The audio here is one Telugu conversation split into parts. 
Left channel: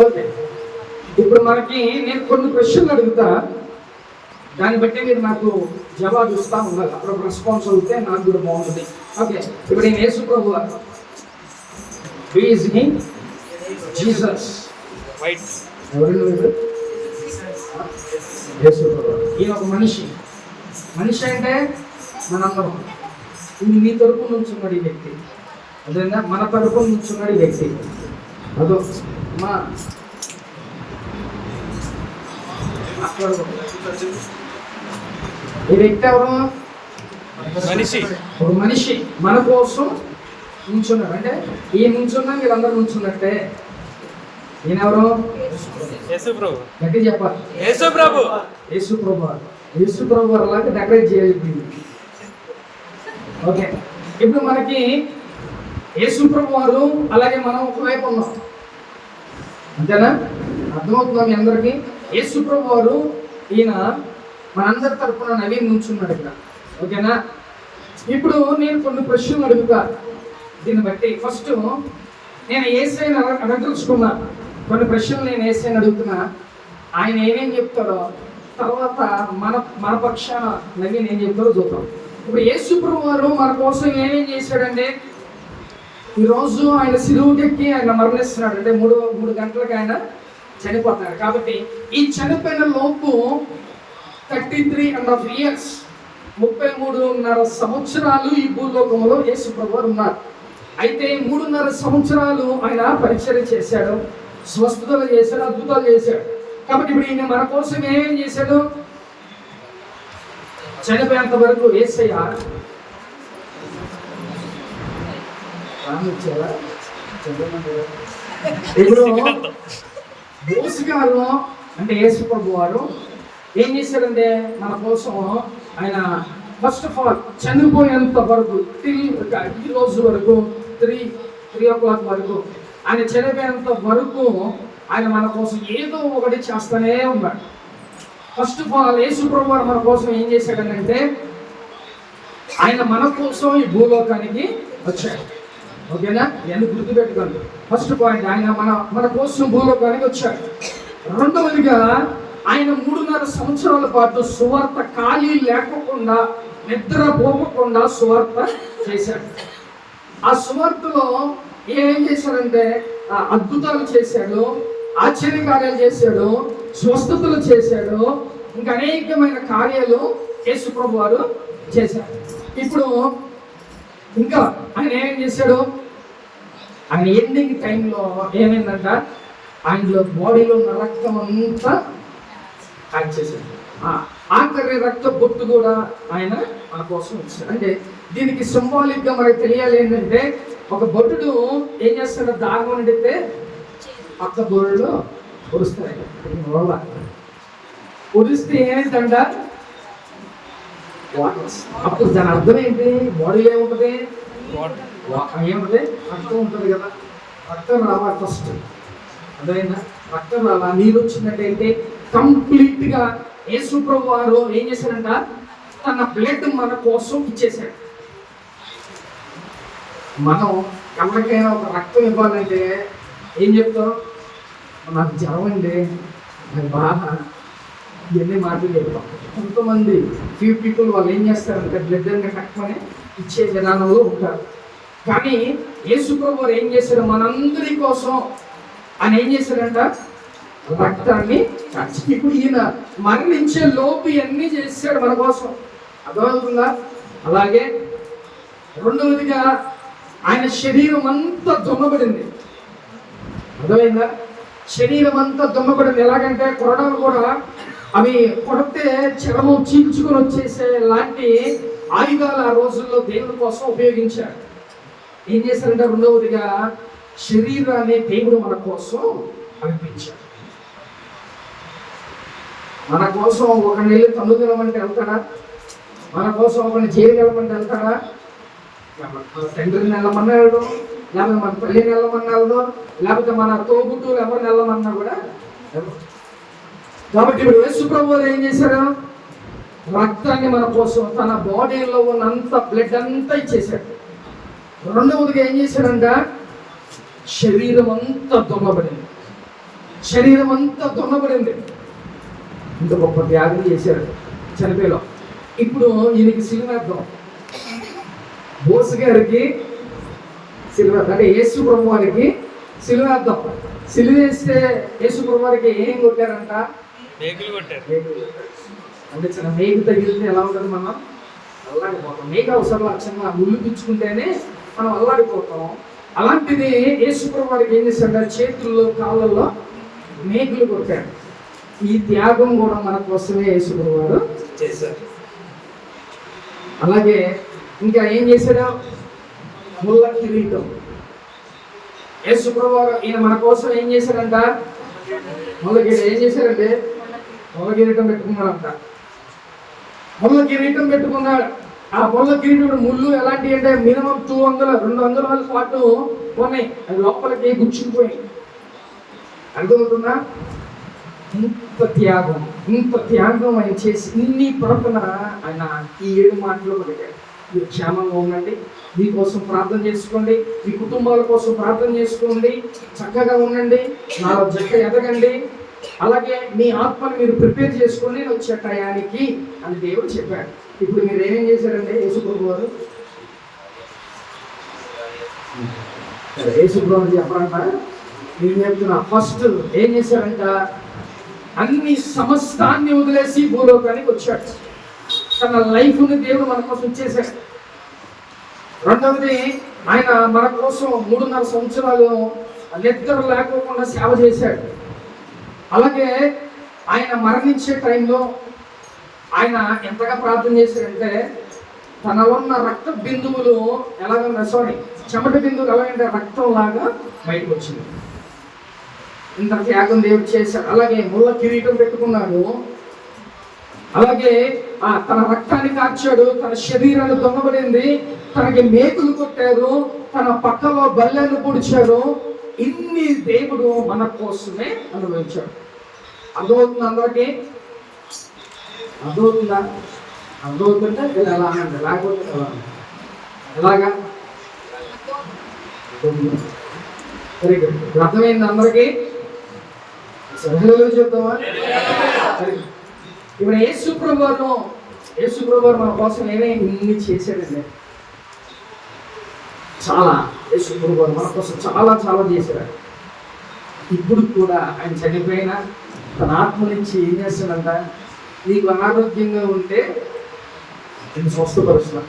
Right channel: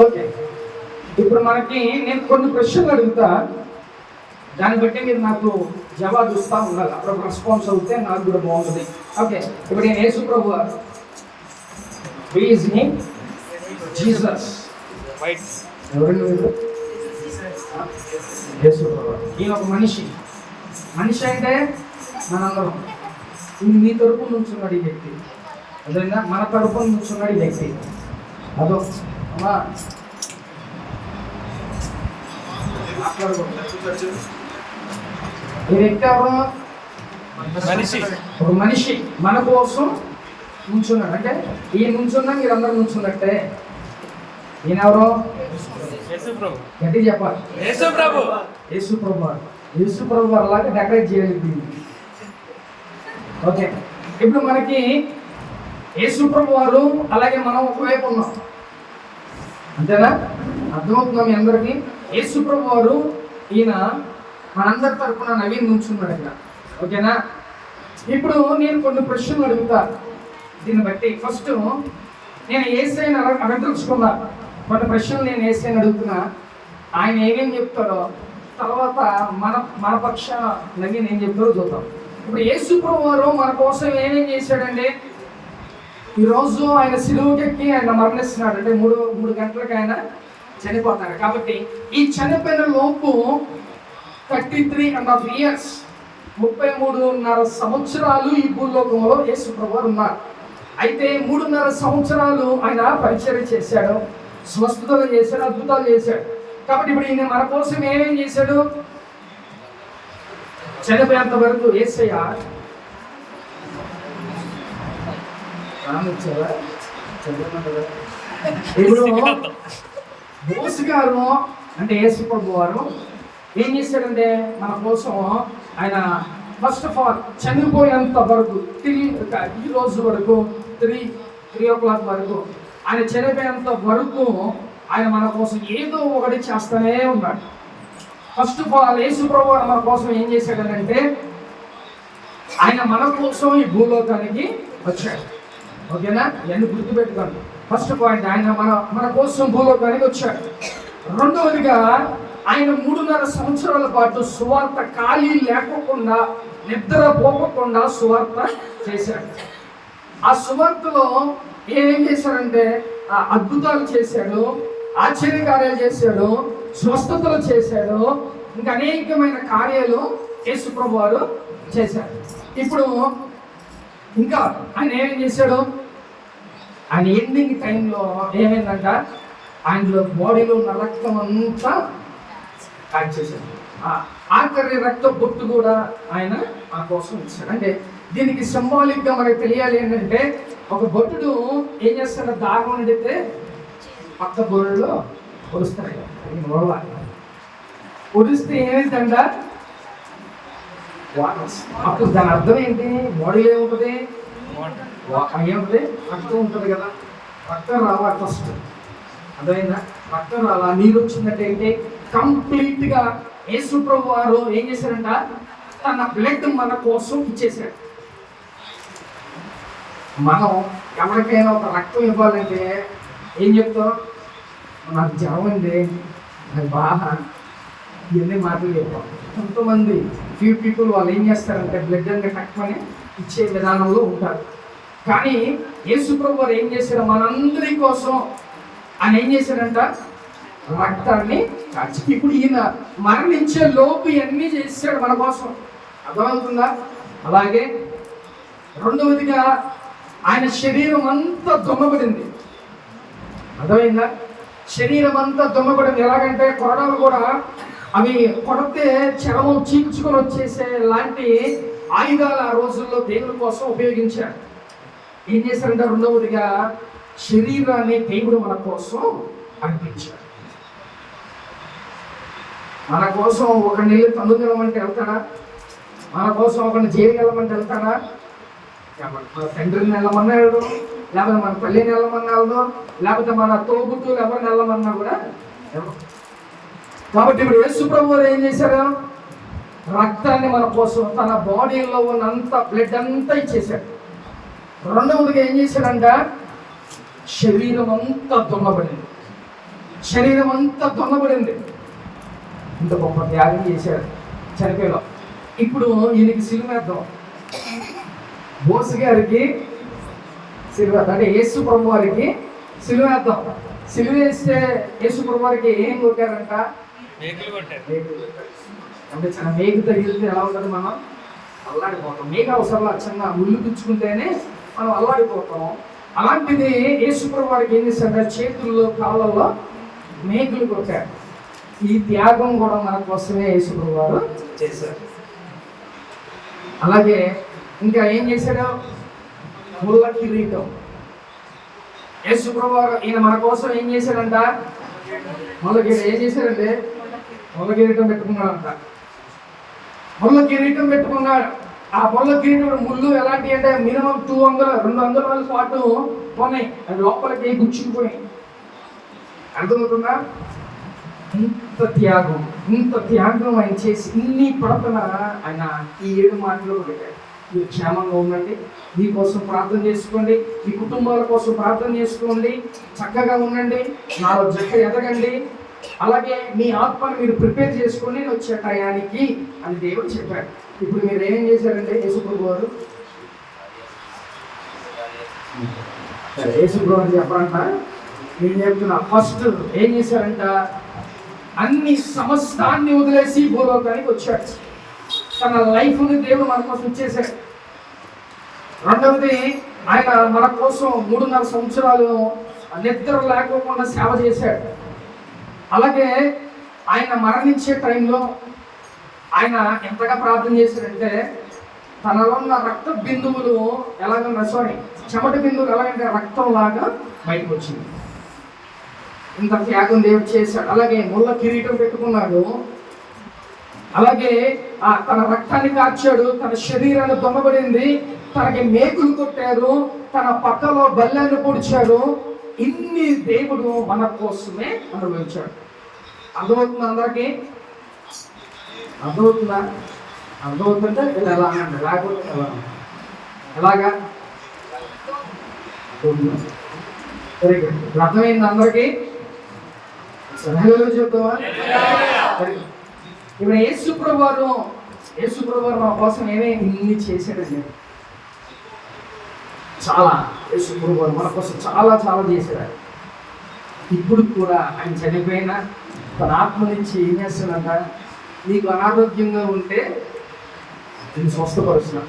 ఓకే, ఇప్పుడు మనకి నేను కొన్ని ప్రశ్నలు అడుగుతా, దాన్ని బట్టి మీరు నాకు జవాబు ఇస్తా ఉండాలి. అప్పుడు రెస్పాన్స్ అవుతే నాకు కూడా బాగుంటుంది. ఓకే, ఇప్పుడు నేను యేసు ప్రభు జీసస్ వైట్ ఎవరు యేసు ప్రభు. ఈయన ఒక మనిషి. మనిషి అంటే మనందరం. నీ తరపున నుంచున్నాడు ఈ వ్యక్తి, అదేనా? మన తరపున నుంచున్నాడు ఈ వ్యక్తి. అదో అమ్మా ఈ వ్యక్తి ఎవరు? మనిషి. ఒక మనిషి మన కోసం నుంచున్నాడు. అంటే ఈ నుంచున్నా మీరందరూ నుంచున్నట్టే. ఈయన ఎవరు? యేసు ప్రభు. గట్టి చెప్పాలి. యేసు ప్రభు. యేసు ప్రభు. యేసు ప్రభు లాగా డెకరేట్ చేయాలి. ఓకే, ఇప్పుడు మనకి యేసు ప్రభు వారు, అలాగే మనం ఒకవైపు ఉన్నాం. అంతేనా? అర్థమవుతుందా మీ అందరికీ? యేసు ప్రభు వారు ఈయన మనందరి తరపున నవీన్ నుంచున్నాడు ఇక్కడ. ఓకేనా? ఇప్పుడు నేను కొన్ని ప్రశ్నలు అడుగుతా. దీన్ని బట్టి ఫస్ట్ నేను యేసయ్యని అడగదలుచుకున్నా. కొన్ని ప్రశ్నలు నేను యేసయ్యని అడుగుతున్నా, ఆయన ఏమేం చెప్తాడో తర్వాత మన పక్షాన నవీన్ ఏం చెప్తాడో చూద్దాం. ఇప్పుడు యేసు ప్రభు వారు మన కోసం ఏమేం చేశాడంటే, ఈరోజు ఆయన సిలువకెక్కి ఆయన మరణిస్తున్నాడు. అంటే మూడు గంటలకి ఆయన చనిపోతాడు. కాబట్టి ఈ చనిపోయిన లోపు 33.5 years 33.5 సంవత్సరాలు ఈ భూలోకంలో యేసు ప్రభు వారు ఉన్నారు. అయితే 3.5 సంవత్సరాలు ఆయన పరిచర్య చేశాడు, స్వస్థతలు చేశాడు, అద్భుతాలు చేశాడు. కాబట్టి ఇప్పుడు ఈయన మన కోసం ఏమేం చేశాడు? చనిపోయేంత వరకు యేసయ్య ఇప్పుడు బోసు గారు అంటే యేసు ప్రభు వారు ఏం చేశాడంటే మన కోసం ఆయన ఫస్ట్ ఆఫ్ ఆల్ చనిపోయేంత వరకు ఈ రోజు వరకు 3 o'clock వరకు ఆయన చనిపోయేంత వరకు ఆయన మన కోసం ఏదో ఒకటి చేస్తూనే ఉన్నాడు. ఫస్ట్ ఆఫ్ ఆల్ యేసు ప్రభు మన కోసం ఏం చేశాడనంటే, ఆయన మన కోసం ఈ భూలోకానికి వచ్చాడు. ఓకేనా? ఇవన్నీ గుర్తుపెట్టుకోండి. ఫస్ట్ పాయింట్, ఆయన మన కోసం భూలోకానికి వచ్చాడు. రెండవదిగా ఆయన 3.5 సంవత్సరాల పాటు సువార్త ఖాళీ లేకోకుండా, నిద్ర పోకుండా సువార్త చేశాడు. ఆ సువార్తలో ఏం చేశాడంటే అద్భుతాలు చేశాడు, ఆశ్చర్యకార్యాలు చేశాడు, స్వస్థతలు చేశాడు, ఇంకా అనేకమైన కార్యాలు యేసు ప్రభు వారు చేశారు. ఇప్పుడు ఇంకా ఆయన ఏమేం చేశాడు? ఆయన ఎండింగ్ టైంలో ఏమైందంట, ఆయనలో బాడీలో ఉన్న రక్తం అంతా కాల్చేశాడు. ఆఖరి రక్త బొట్టు కూడా ఆయన ఆ కోసం ఇచ్చాడు. అంటే దీనికి సింబాలిక్గా మనకు తెలియాలి ఏంటంటే, ఒక బొట్టుడు ఏం చేస్తాడు? దాగం నిండితే పక్క బొరుడులో పొడుస్తాయి. పొడిస్తే ఏమైందంట? అప్పుడు దాని అర్థం ఏంటి? బాడీలో ఏముంటుంది? ఏముంటుంది? రక్తం ఉంటుంది కదా. రక్తం రావాలి ఫస్ట్. అర్థమైందా? రక్తం రావాలి. నీరు వచ్చినట్టయితే కంప్లీట్గా యేసు ప్రభు వారు ఏం చేశారంట? తన బ్లడ్ మన కోసం ఇచ్చేశాడు. మనం ఎవరికైనా ఒక రక్తం ఇవ్వాలంటే ఏం చెప్తాం? నాకు జ్వరం అండి, నాకు బాధ, ఇవన్నీ మాటలు చెప్తాం. కొంతమంది ఫ్యూ పీపుల్ వాళ్ళు ఏం చేస్తారంటే బ్లడ్ అని తక్కువని ఇచ్చే విధానంలో ఉంటారు. కానీ యేసు ప్రభు వారు ఏం చేశారు? మనందరి కోసం ఆయన ఏం చేశారంట? రక్తాన్ని కాచి. ఇప్పుడు ఈయన మరణించే లోపు ఇవన్నీ చేశాడు మన కోసం. అర్థమవుతుందా? అలాగే రెండవదిగా ఆయన శరీరం అంతా దుమ్మబడింది. అర్థమైందా? శరీరం అంతా దుమ్మబడింది. ఎలాగంటే కొరడాలు కూడా అవి కొడితే చర్మం చీల్చుకొని వచ్చేసే లాంటి ఆయుధాలు ఆ రోజుల్లో దేవుడి కోసం ఉపయోగించారు. ఏం చేశారంటే రెండవదిగా శరీరాన్ని దేవుడు మన కోసం అర్పించాడు. మన కోసం ఒక నీళ్ళు తన్ను తినమంటే వెళ్తాడా? మన కోసం ఒకరిని జైలు వెళ్ళమంటే వెళ్తాడా? మన తండ్రిని వెళ్ళమన్నా వెళ్ళడం, లేకపోతే మన పల్లిని వెళ్ళమన్నా వెళ్దాం, లేకపోతే మన తోబుట్టులు ఎవరిని వెళ్ళమన్నా కూడా. కాబట్టి ఇప్పుడు యేసు ప్రభు వారు ఏం చేశారు? రక్తాన్ని మన కోసం, తన బాడీలో ఉన్నంత బ్లడ్ అంతా ఇచ్చేశాడు. రెండవదిగా ఏం చేశాడంట? శరీరం అంతా దున్నబడింది. శరీరం అంతా దొన్నబడింది. ఇంత గొప్ప త్యాగం చేశాడు చనిపోయేలో. ఇప్పుడు ఈయనకి సిలువేద్దాం. బోసు గారికి సిలువేద్దాం అంటే యేసు ప్రభు వారికి సిలువేద్దాం. సిలువేస్తే యేసు ప్రభు వారికి ఏం కొట్టారంట? మేకులు కొట్టారు. అంటే చిన్న మేకు తగిలితే ఎలా ఉంటుంది? మనం అల్లాడిపోతాం. మేక అవసరం చిన్న ముళ్ళు పిచ్చుకుంటేనే మనం అల్లాడిపోతాం. అలాంటిది యేసు ప్రభు వారికి ఏం చేశారంటే చేతుల్లో కాళ్ళల్లో మేకులు కొట్టారు. ఈ త్యాగం కూడా మన కోసమే యేసు ప్రభు వారు చేశారు. అలాగే ఇంకా ఏం చేశాడు? ముళ్ళ కిరీటం. యేసు ప్రభు వారు ఈయన మన కోసం ఏం చేశాడంట? ముళ్ళ కిరీటం. ఏం చేశాడంటే ముళ్ళ కిరీటం పెట్టుకున్నాడంట. ముళ్ళ కిరీటం పెట్టుకున్నాడు. ఆ ముళ్ళ కిరీటం ముళ్ళు ఎలాంటి అంటే మినిమం 200 పాటు ఉన్నాయి. అది లోపలికి గుచ్చుకుపోయి. అర్థమవుతుందా? ఇంత త్యాగం ఆయన చేసి ఇన్ని ప్రవర్తన ఆయన ఈ 7 మాటలు పలికాడు. మీరు క్షేమంగా ఉండండి, మీకోసం ప్రార్థన చేసుకోండి, మీ కుటుంబాల కోసం ప్రార్థన చేసుకోండి, చక్కగా ఉండండి, నాలో జక్క ఎదగండి, అలాగే మీ ఆత్మని మీరు ప్రిపేర్ చేసుకొని నేను వచ్చే టయానికి అని దేవుడు చెప్పాడు. ఇప్పుడు మీరు ఏమేం చేశారంటే యేసుప్రభు వారు చెప్పారంట. నేను చెప్తున్నా, ఫస్ట్ ఏం చేశారంట? అన్ని సమస్తాన్ని వదిలేసి భూలోకానికి వచ్చాడు. తన లైఫ్ని దేవుడు మన కోసం ఇచ్చేశాడు. రెండవది, ఆయన మన కోసం 3.5 సంవత్సరాలు నిద్ర లేకోకుండా సేవ చేశాడు. అలాగే ఆయన మరణించే టైంలో ఆయన ఎంతగా ప్రార్థన చేశాడంటే తనలో ఉన్న రక్త బిందువులు చెమట బిందువులు ఎలాగంటే రక్తంలాగా బయటకు వచ్చింది. ఇంత త్యాగం దేవుడు చేశాడు. అలాగే ముళ్ళ కిరీటం పెట్టుకున్నాడు. అలాగే తన రక్తాన్ని కార్చాడు. తన శరీరాన్ని దొంగబడింది. తనకి మేకులు కొట్టారు. తన పక్కలో బల్లాన్ని పొడిచాడు. ఇన్ని దేవుడు మన కోసమే అనుభవించాడు. అర్థమవుతుంది అందరికీ? అర్థమవుతుందా? అర్థమవుతుంటే ఇది ఎలా అండి, లేకపోతే ఎలాగా? Very good. అర్థమైంది అందరికీ? చెప్తామా? ఇప్పుడు యేసు ప్రభు వారు మన కోసం ఇన్ని చేశాడండి. చాలా యేసు ప్రభు వారు మన కోసం చాలా చేశాడు. ఇప్పుడు కూడా ఆయన చనిపోయినా తన ఆత్మ నుంచి ఏం చేస్తాడంట? నీకు అనారోగ్యంగా ఉంటే నేను స్వస్థపరుస్తున్నా,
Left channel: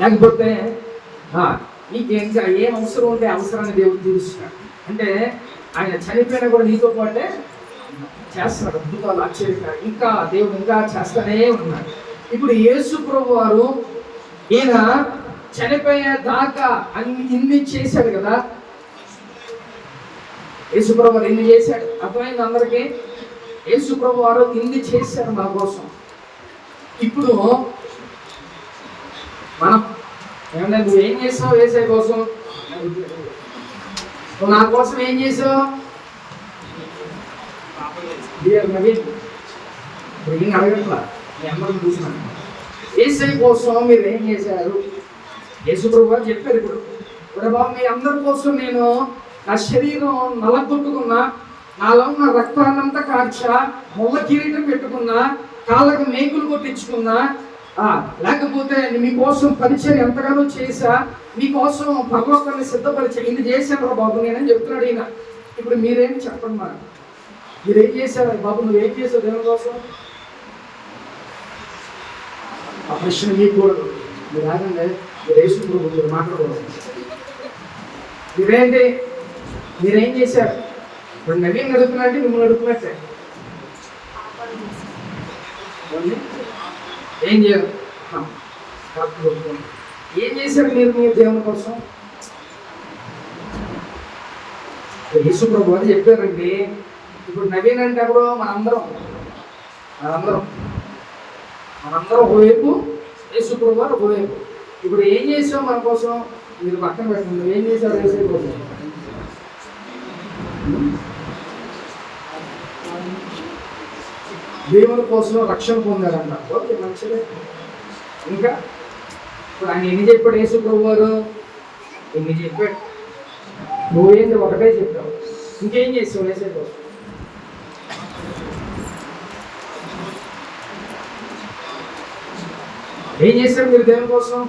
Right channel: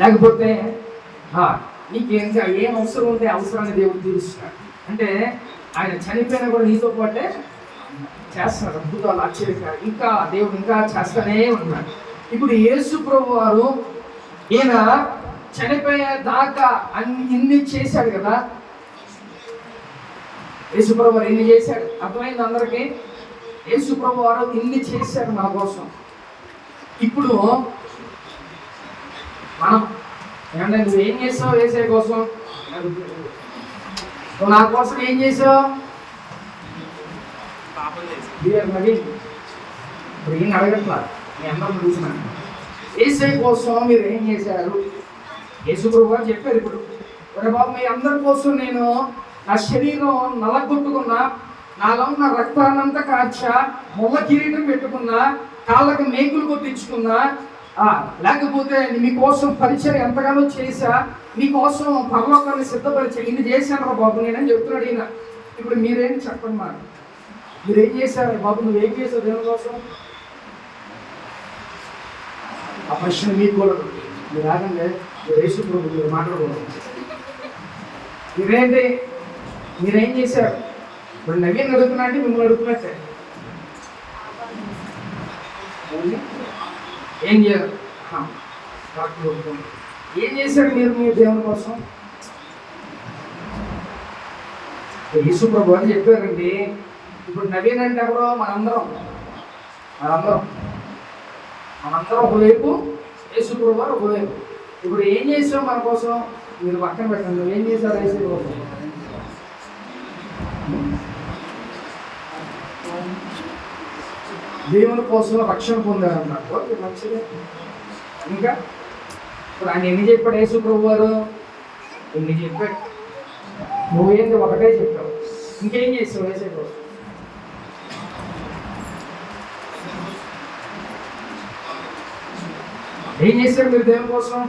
లేకపోతే నీకు ఇంకా ఏం అవసరం ఉంటే అవసరాన్ని దేవుడు తీరుస్తున్నాడు. అంటే ఆయన చనిపోయినా కూడా నీతో పాటే చేస్తున్నాడు. అద్భుతాలు, ఆశ్చర్యకాలు ఇంకా దేవుడు ఇంకా చేస్తూనే ఉన్నాడు. ఇప్పుడు యేసు ప్రభు వారు ఈయన చనిపోయే దాకా ఇన్ని చేశాడు కదా. యేసు ప్రభు వారు ఇన్ని చేశాడు. అర్థమైంది అందరికీ? యేసు ప్రభు వారు ఇన్ని చేశాడు మన కోసం. ఇప్పుడు మనం ఏమన్నా నువ్వు ఏం చేస్తావు యేసయ్య కోసం? నువ్వు నా కోసం ఏం చేసావు? ఏం అడగట్లా, మీ అందరూ చూసినాను. యేసయ్య కోసం మీరు ఏం చేశారు? యేసు ప్రభు గారు చెప్పారు. ఇప్పుడు బాబు మీ అందరి కోసం నేను నా శరీరం నలగొట్టుకున్నా, నాలో ఉన్న రక్తాన్నంతా కార్చా, ముళ్ళ కిరీటం పెట్టుకున్నా, కాళ్ళకు మేకులు కొట్టించుకున్నా, లేకపోతే మీకోసం పరిచయం ఎంతగానో చేశా, మీకోసం పరలోకాన్ని సిద్ధపరిచా, ఇన్ని చేశాను బాబు నేనని చెప్తున్నాడు ఈయన. ఇప్పుడు మీరేమి చెప్పండి, నాకు మీరేం చేశారు బాబు? నువ్వేం చేశావు దేవుని కోసం? ఆ ప్రశ్న మీకు కూడా మీరు రాగానే మీరు వేసుకుంటూ మీరు మాట్లాడకూడదు. మీరేం చేశారు? ఇప్పుడు నవీన్ అడుగుతున్నట్టే మిమ్మల్ని అడుగుతున్నట్టే. ఏం చేయాలి? ఏం చేశారు మీరు మీ దేవుని కోసం? యేసు ప్రభు అని చెప్పారండి. ఇప్పుడు నవీన్ అంటే ఎవరు? మనందరం ఒకవైపు, యేసు ప్రభు వారు ఒకవైపు. ఇప్పుడు ఏం చేసావు మన కోసం? మీరు పక్కన పెట్టండి. నువ్వేం చేశావు యేసు కోసం? దేవుని కోసం రక్షణ పొందారంట. ఓకే, మంచిదే. ఇంకా ఇప్పుడు ఆయన ఎన్ని చెప్పాడు యేసు ప్రభు గారు? ఎన్ని చెప్పాడు? నువ్వేంది ఒకటే చెప్పావు. ఇంకేం చేసావు యేసయ్య కోసం? ఏం చేశారు మీరు దేవుని కోసం?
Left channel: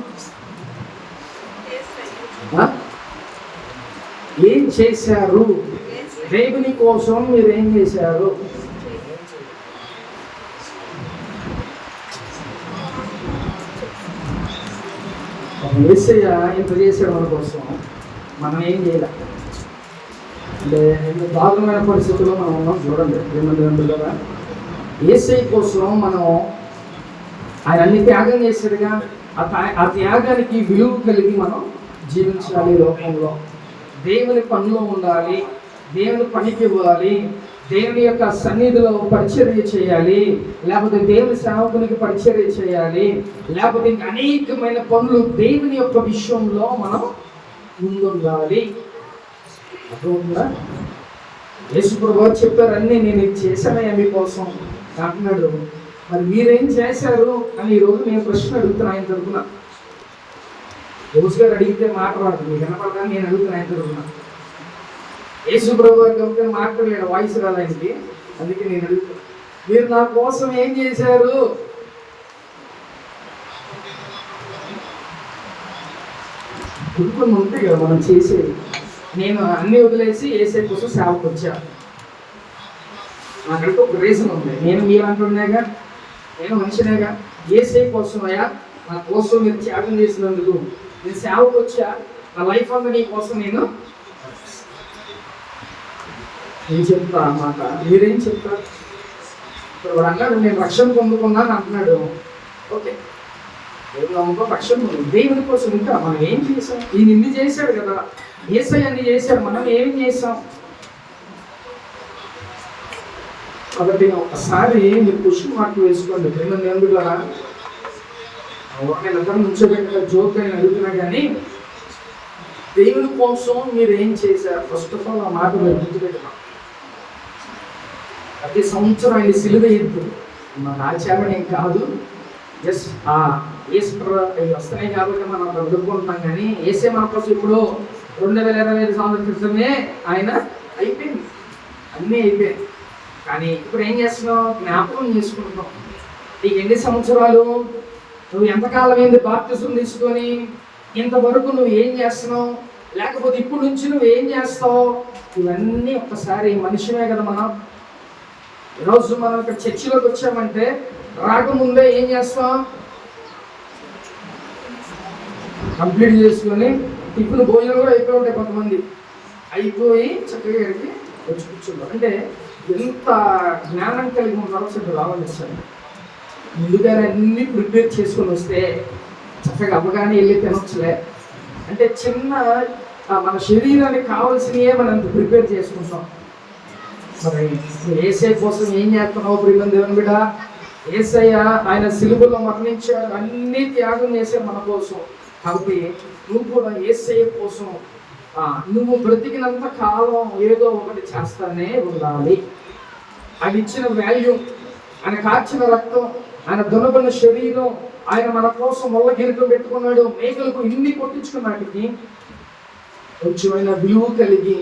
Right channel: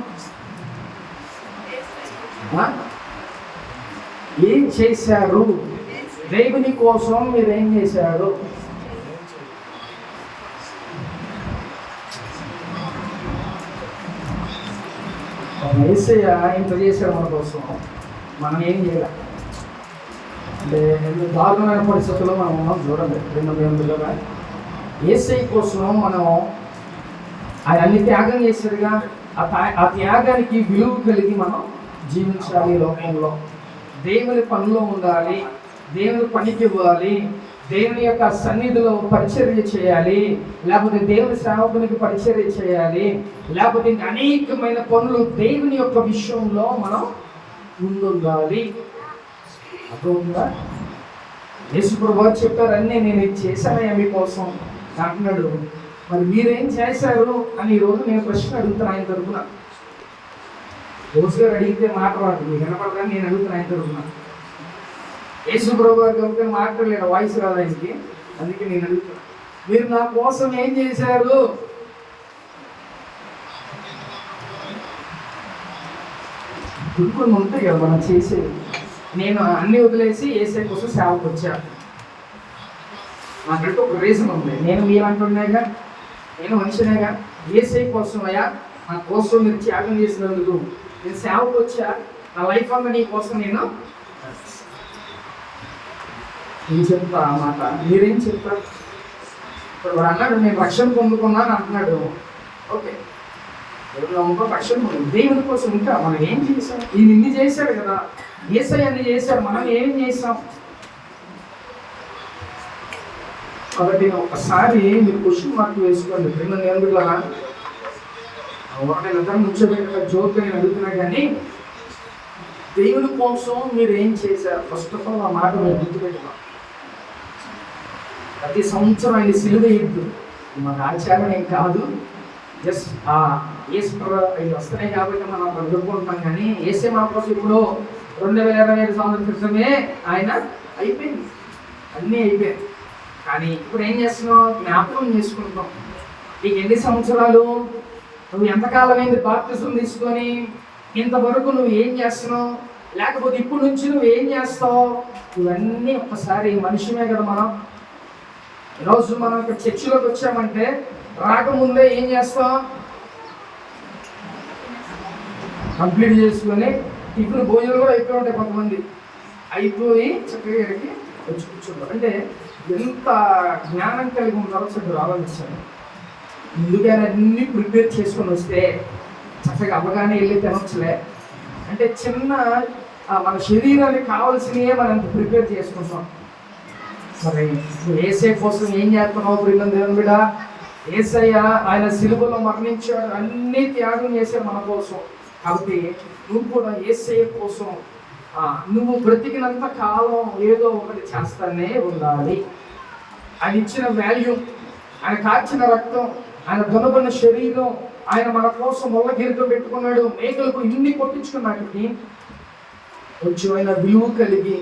ఏం చేశారు? దేవుని కోసం మీరు ఏం చేశారు? యేసయ్య ఇంత చేశారు మన కోసం, మనం ఏం చేయాలి అంటే దారుణమైన పరిస్థితుల్లో మనం చూడండి. యేసయ్య కోసం మనం ఆయన అన్ని త్యాగం చేశాడుగా. ఆ త్యాగానికి విలువ కలిగి మనం జీవించాలి. లోకంలో దేవుని పనిలో ఉండాలి, దేవుని పనికి ఇవ్వాలి, దేవుని యొక్క సన్నిధిలో పరిచర్య చేయాలి, లేకపోతే దేవుని సేవకునికి పరిచర్య చేయాలి, లేకపోతే ఇంకా అనేకమైన పనులు దేవుని యొక్క విషయంలో మనం ముందుండాలి. అర్థమవుతుందా? యేసుప్రభు వారు చెప్పారు, అన్నీ నేను ఇది చేశానయ్యా మీకోసం అంటున్నాడు. మరి మీరేం చేశారు అని ఈరోజు నేను ప్రశ్న అడుగుతున్నా ఆయన తరపున. రోజు గారు అడిగితే మాట రాదు, మీకు వినపడదని నేను అడుగుతున్నా ఆయన తరపున. యేసుప్రభు గారు కనుక మాట్లాడలేడు, వాయిస్ రాదు ఆయనకి, అందుకే నేను అడుగుతాను, మీరు నా కోసం ఏం చేశారు? కొన్ని ఉంటాయి కదా మనం చేసేది. నేను అన్ని వదిలేసి యేసయ్య కోసం సేవకు వచ్చాను, నాకంటే ఒక రీజన్ ఉంది. నేను మీరంటున్నాగా, నేను మనిషినేగా. యేసయ్య కోసం అయ్యా, నా కోసం మీరు త్యాగం చేసినందుకు నేను సేవకు వచ్చా, నా లైఫ్ అంతా నీ కోసం నేను చెప్తా అన్నమాట. మీరేం చెప్తారు? ఇప్పుడు అన్నాడు నేను రక్షణ పొందుకున్నాను అంటున్నాడు. ఓకే, దేవుని నమ్మకం రక్షణ పొంది దేవుని కోసం ఇంకా మనం ఏం చేసాం? ఈయన ఇన్ని చేశాడు కదా, యేసయ్య అన్ని చేశాడు, మనం ఏం చేసాం? కాబట్టి ఒకసారి మీరు క్వశ్చన్ మార్క్ వేసుకోండి. ప్రేమ ఎందుకు ఒకరిని ఇద్దరు నుంచోబెట్టిన జోక్ అని అడుగుతున్నా కానీ దేవుని కోసం మీరు ఏం చేశారు? ఫస్ట్ ఆఫ్ ఆల్ ఆ మాట మీరు గుర్తుపెట్టుకోండి. ప్రతి సంవత్సరం ఆయన సిలువ ఎద్దు మాకు ఆచారం ఏం కాదు, జస్ట్ ఆ యేసు అవి వస్తున్నాయి కాబట్టి మనం అక్కడ అడుక్కుంటున్నాం. కానీ యేసే మన కోసం ఇప్పుడు 2025 సంవత్సరం క్రితమే ఆయన అయిపోయింది, అన్నీ అయిపోయింది. కానీ ఇప్పుడు ఏం చేస్తున్నావు? జ్ఞాపకం చేసుకుంటున్నావు. నీకు ఎన్ని సంవత్సరాలు, నువ్వు ఎంతకాలం అయింది బాప్తిజం తీసుకొని, ఇంతవరకు నువ్వు ఏం చేస్తున్నావు, లేకపోతే ఇప్పుడు నుంచి నువ్వు ఏం చేస్తావు, ఇవన్నీ ఒక్కసారి మనిషినే కదా మనం. ఈరోజు మనం ఇక్కడ చర్చిలోకి వచ్చామంటే రాకముందే ఏం చేస్తాం? కంప్లీట్ చేసుకొని టిఫిన్ భోజనం కూడా అయిపోయి ఉంటాయి, కొంతమంది అయిపోయి చక్కగా ఇక్కడికి వచ్చి కూర్చుంటారు. అంటే ఎంత జ్ఞానం కలిగి ఉంటారో చెప్పి ఆలోచించాలి. ముందుగానే అన్ని ప్రిపేర్ చేసుకొని వస్తే చక్కగా అవగానే వెళ్ళి తినొచ్చులే. అంటే చిన్న మన శరీరానికి కావాల్సినవే మనం ప్రిపేర్ చేసుకుంటాం. మరి యేసయ్య కోసం ఏం చేస్తున్నావు ప్రియమైన దేవుని బిడ్డ? యేసయ్య ఆయన సిలువలో మరణించాడు, అన్ని త్యాగం చేశాడు మన కోసం. కాబట్టి నువ్వు కూడా యేసయ్య కోసం నువ్వు బ్రతికినంత కాలం ఏదో ఒకటి చేస్తానే ఉండాలి. ఆయన ఇచ్చిన వాల్యూ, ఆయన కార్చిన రక్తం, ఆయన దున్నబడిన శరీరం, ఆయన మన కోసం మొగగిరితో పెట్టుకున్నాడు, మేకలకు ఇన్ని కొట్టించుకున్నాటికి కొంచెమైనా విలువ కలిగి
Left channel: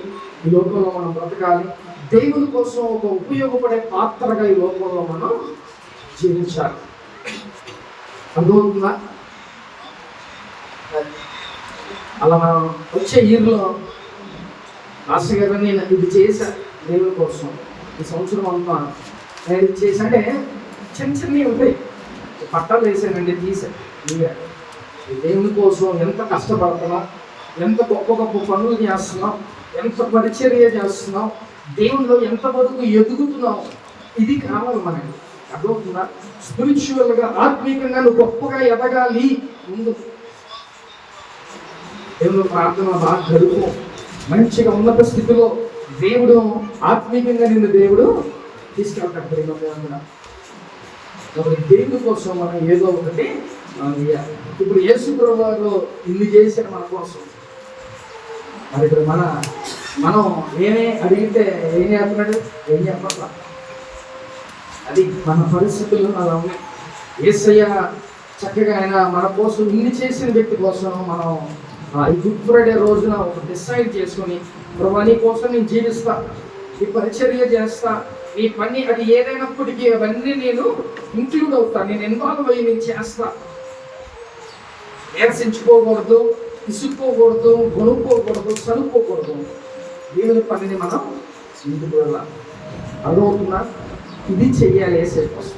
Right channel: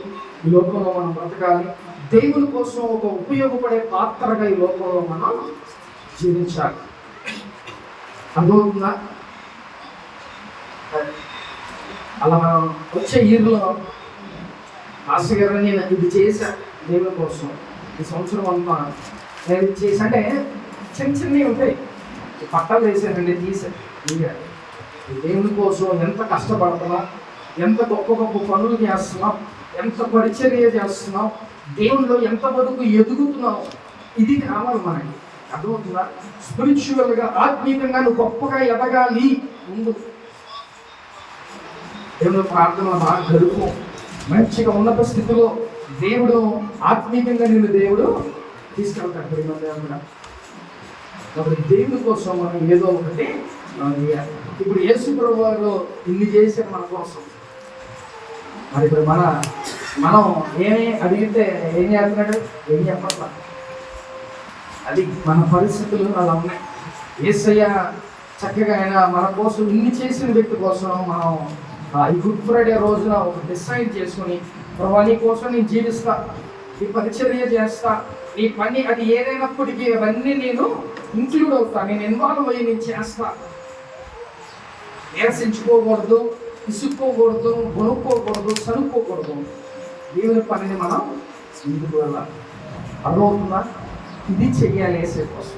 ఈ లోకంలో మనం బ్రతకాలి. దేవుని కోసం ఒక ఉపయోగపడే పాత్రగా ఈ లోకంలో మనం జీవించాలి. అర్థమవుతుందా? అలా మనం వచ్చే ఇయర్లో మాస్టర్ గారు నేను ఇది చేశా దేవుని కోసం, ఈ సంవత్సరం అంతా నేను ఇది చేశా అంటే చిన్న చిన్నవి ఉంటాయి. పట్టాలు వేసానండి, తీసా దేవుని కోసం ఎంత కష్టపడుతున్నాం, ఎంత గొప్ప గొప్ప పనులు చేస్తున్నాం, ఎంత పరిచర్య చేస్తున్నాం, దేవునిలో ఎంతవరకు ఎదుగుతున్నాం, ఇది కావాలి మనకి. అర్థమవుతుందా? స్పిరిచువల్గా ఆత్మీయంగా నువ్వు గొప్పగా ఎదగాలి. ముందు దేవుని ప్రార్థన బాగా గడుపు, మంచిగా ఉన్నత స్థితిలో దేవుడు ఆత్మీయంగా నిన్ను దేవుడు తీసుకెళ్తాడు. ప్రేమగా కాబట్టి దేవుని కోసం మనం ఏదో ఒకటి మనం చేయాలి. ఇప్పుడు యేసు ప్రభువు వారు ఇన్ని చేశారు మన కోసం. మరి ఇప్పుడు మనం ఏమి అడిగితే ఏం చేస్తున్నాడు? ఏం చెప్పట్లా. అది మన పరిస్థితులు అలా ఉన్నాయి. యేసయ్య చక్కగా ఆయన మన కోసం ఇన్ని చేసిన వ్యక్తి కోసం మనం ఈ గుడ్ ఫ్రైడే రోజున ఒక డిసైడ్ చేసుకొని ప్రభా నీ కోసం నేను జీవిస్తా, ఈ పరిచర్య చేస్తా, నీ పని అది ఏదైనప్పటికీ అవన్నీ నేను ఇంక్లూడ్ అవుతా, నేను ఇన్వాల్వ్ అయ్యి నేను చేస్తా. నీరసించుకోకూడదు, ఇసుక్కోకూడదు, కొనుక్కోకూడదు, సనుక్కోకూడదు. దేవుని పనిని మనం ముందుకు వెళ్ళాలి. అర్థమవుతుందా? ఇది చెయ్యాలి ఏసే కోసం.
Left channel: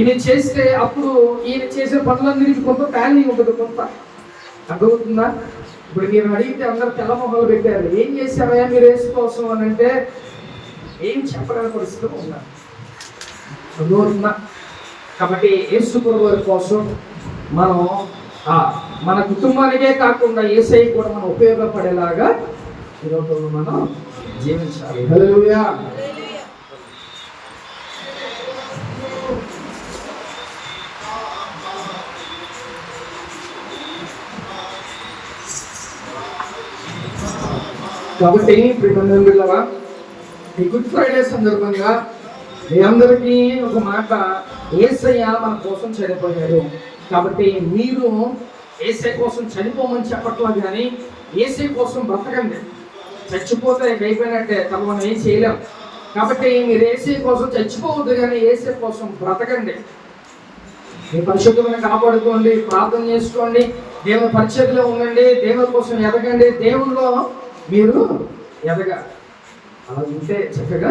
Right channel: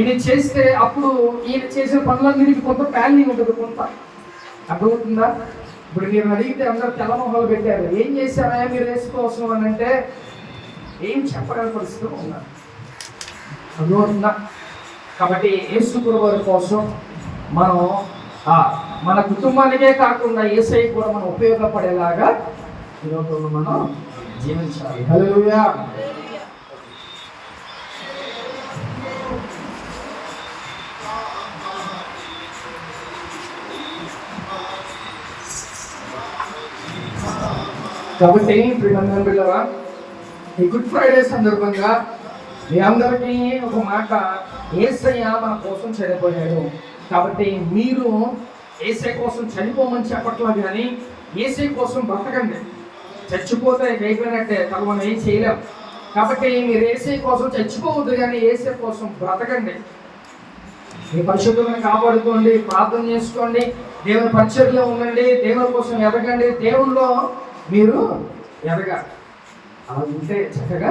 ఇది చేస్తే అప్పుడు ఈయన చేసే పనులన్నిటికీ కొంత టాలీ ఉంటుంది, కొంత. అర్థమవుతుందా? ఇప్పుడు మీరు అడిగితే అందరు తెల్ల మొహాలు పెట్టారు, ఏం చేశారా మీరు యేసు కోసం అని అంటే ఏం చెప్పగల పరిస్థితిలో ఉన్నారు. అర్థమవుతుందా? కాబట్టి యేసు ప్రభువారి కోసం మనం మన కుటుంబానికే కాకుండా యేసయ్య కూడా మనం ఉపయోగపడేలాగా ఈ లోకంలో మనం జీవించాలి. హల్లెలూయా. కాబట్టి ప్రియమైన ఈ గుడ్ ఫ్రైడే సందర్భంగా మీ అందరికీ ఒక మాట, యేసయ్య మన కోసం చనిపోయాడు. కాబట్టి మీరు యేసయ్య కోసం చనిపోమని చెప్పట్లా, కానీ యేసయ్య కోసం బ్రతకండి. చచ్చిపోతే అయిపోయినట్టే, తను మనం ఏం చేయలేం. కాబట్టి మీరు యేసయ్య కోసం చచ్చిపోవద్దు, కానీ యేసయ్య కోసం బ్రతకండి. మీ పరిశుద్ధమైన కాపాడుకోండి, ప్రార్థన చేసుకోండి, దేవుని పరిచర్యలో ఉండండి, దేవుని కోసం ఎదగండి, దేవుల్లో మీరు ఎదగాలి. అలా ఉంటే చక్కగా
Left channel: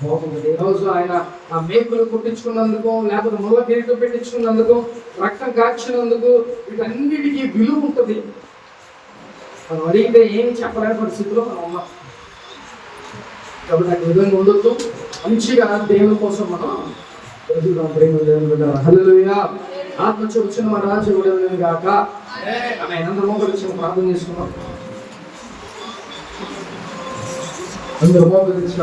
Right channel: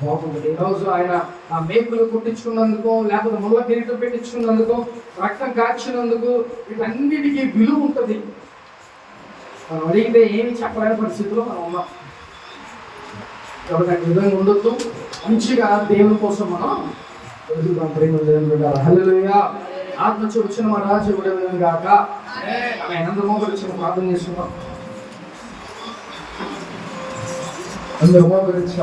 బాగుంటుంది. ఈరోజు ఆయన ఆ మేకులు కుట్టించుకున్నందుకు, లేకపోతే ముళ్ళ కిరీటం పెట్టించుకున్నందుకు, రక్తం కాల్చినందుకు, వీటన్నిటికీ విలువ ఉంటుంది. మనం అడిగితే ఏమి చెప్పలేని పరిస్థితిలో మనం ఉన్నాం. కాబట్టి ఆ విధంగా ఉండొద్దు. మంచిగా దేవుని కోసం మనం ఎదుగుదాం. ప్రేమ హల్లెలూయా. ఆత్మ వచ్చిన మా రాజు విడుదల గాక. ఆమె అందరూ గురించి ప్రార్థన చేసుకున్నాం. అందరూ గురించి